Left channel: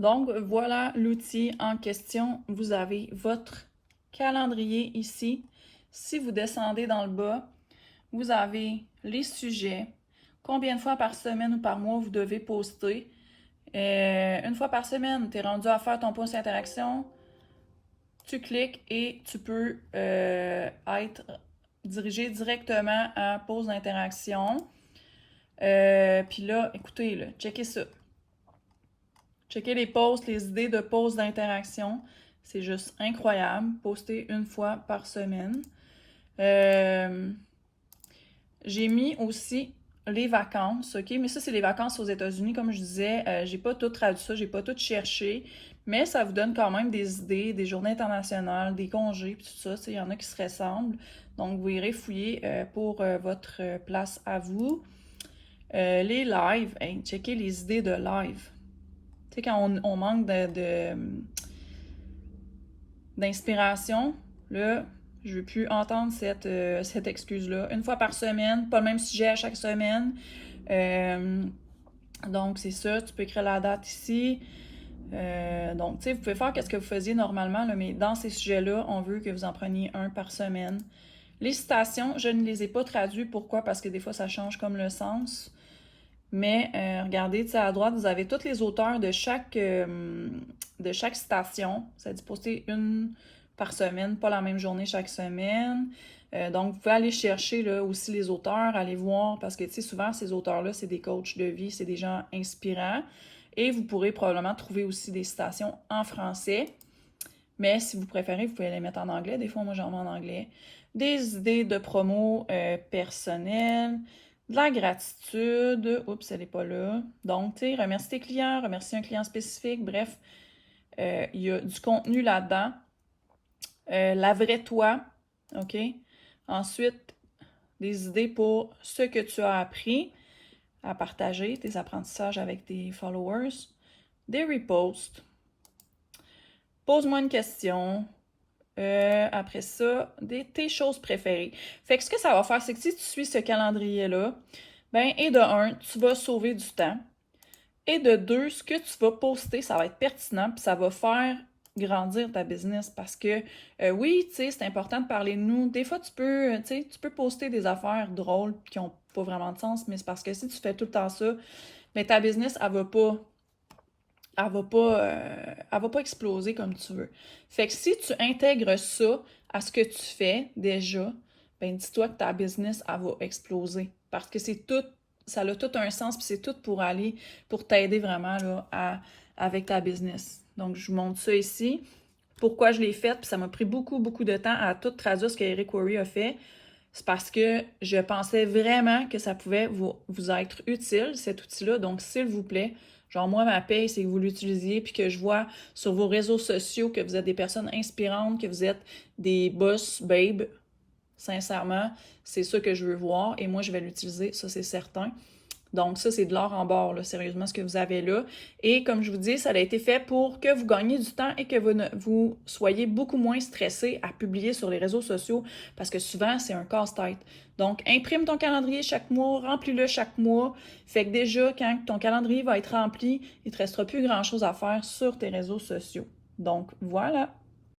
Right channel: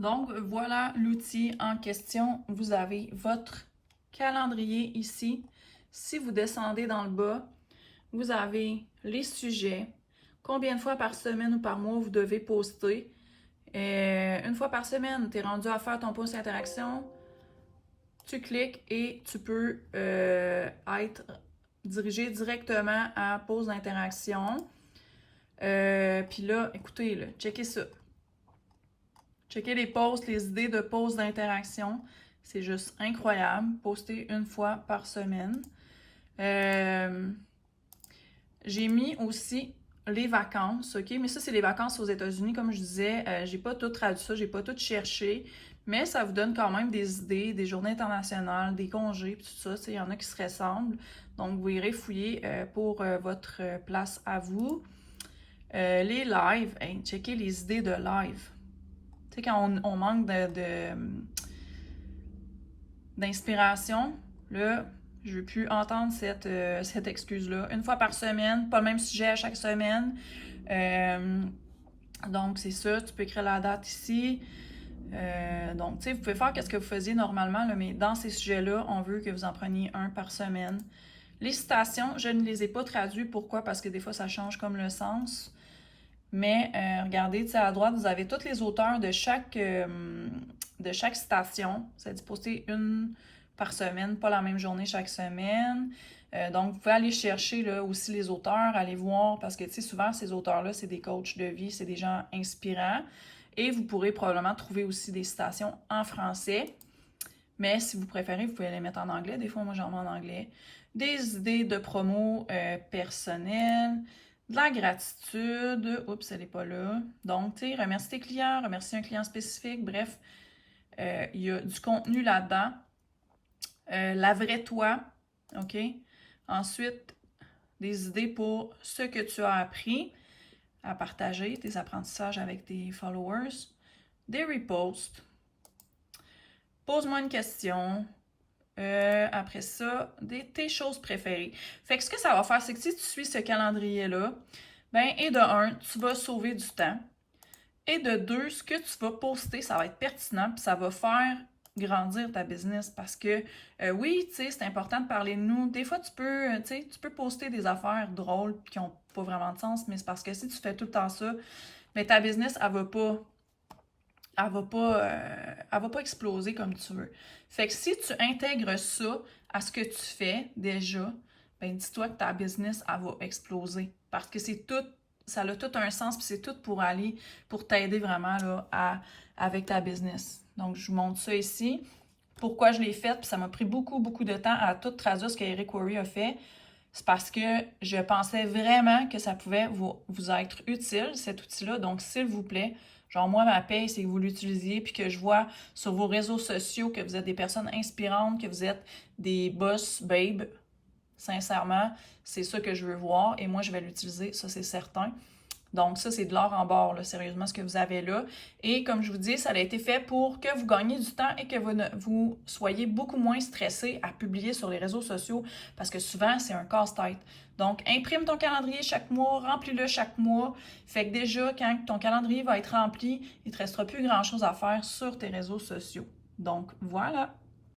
Donc, voilà l'outil en question. Vous avez votre calendrier ici. Si vous descendez dans le bas, vous avez les sujets, combien de fois par semaine ou par mois vous devez poster. Une fois par semaine, tu es rendu à faire ton post interaction, tu cliques et tu peux être dirigé directement à pause d'interaction. Puis là, écoutez, là, checkez ça. Checkez les posts, les idées de posts d'interaction. C'est juste incroyable. Poster une fois par semaine. J'ai mis aussi les vacances, ok? Mais ça, c'est les vacances aux États-Unis, comme je disais. J'ai pas tout traduit ça, j'ai pas tout cherché. Mais ça vous donne quand même des idées, des journées internationales, des congés, tout ça. Il y en a qui se ressemblent. Donc, vous irez fouiller pour votre place à vous. Les lives, hey, checkez les idées de live. Tu sais, quand on manque d'inspiration, là, je ne veux plus entendre cette excuse-là. Une fois par semaine, pas le même sujet à chaque semaine. Donc, c'est ça. Tu peux écrire la date ici. Donc, tu sais, vous pouvez faire ce que vous faisiez normalement, là, mais dans ces sujets-là, on veut que vous en preniez un par semaine. Les citations, je ne les ai pas traduites. Pourquoi? Parce que des fois, ça change comme le sens. Mais regardez, tu sais, à droite, vous avez tous les auteurs de chaque citation. Ça dit poster une par semaine, pas la même journée chaque semaine. Donc, vous pouvez aller chercher là, aussi les auteurs, aller voir, parce que tu sais, souvent, ces auteurs-là, c'est des coachs de vie, c'est des gens inspirants. Et vous pourrez probablement trouver aussi des citations en français. Mais si vous préférez, vous pouvez les mettre en anglais. Des fois, moi, j'en mets en anglais. Des idées de promo personnelles. De la gratitude. Oups, elle n'est pas là. Donc, tu sais, remercie tes clients, remercie un client spécifique. Bref, il y a du contenu là-dedans. La vraie toi. OK? Ensuite, des idées pour ce que tu as appris à partager, tes apprentissages avec tes followers. Des reposts. Pose-moi une question. Après ça, tes choses préférées. Fait que ce que ça va faire, c'est que si tu suis ce calendrier-là, ben, et de un, tu vas sauver du temps. Et de deux, ce que tu vas poster, ça va être pertinent, puis ça va faire grandir ta business. Parce que oui, tu sais, c'est important de parler de nous. Des fois, tu peux poster des affaires drôles qui n'ont pas vraiment de sens, mais c'est parce que si tu fais tout le temps ça, ben, ta business, elle va pas exploser comme tu veux. Fait que si tu intègres ça à ce que tu fais déjà, ben dis-toi que ta business, elle va exploser. Parce que c'est tout, ça a tout un sens, puis c'est tout pour t'aider vraiment là, avec ta business. Donc, je vous montre ça ici. Pourquoi je l'ai fait, puis ça m'a pris beaucoup, beaucoup de temps à tout traduire ce que Eric Worre a fait. C'est parce que je pensais vraiment que ça pouvait vous être utile, cet outil-là. Donc, s'il vous plaît, genre, moi, ma paye, c'est que vous l'utilisiez, puis que je vois sur vos réseaux sociaux que vous êtes des personnes inspirantes, que vous êtes des boss babes. Sincèrement, c'est ça que je veux voir, et moi, je vais l'utiliser, ça, c'est certain. Donc, ça, c'est de l'or en barre, là, sérieusement, ce que vous avez là. Et comme je vous dis, ça a été fait pour que vous gagniez du temps et que vous soyez beaucoup moins stressé à publier sur les réseaux sociaux, parce que souvent, c'est un casse-tête. Donc, imprime ton calendrier chaque mois, remplis-le chaque mois. Fait que déjà, quand ton calendrier va être rempli, il ne te restera plus grand-chose à faire sur tes réseaux sociaux. Donc, voilà.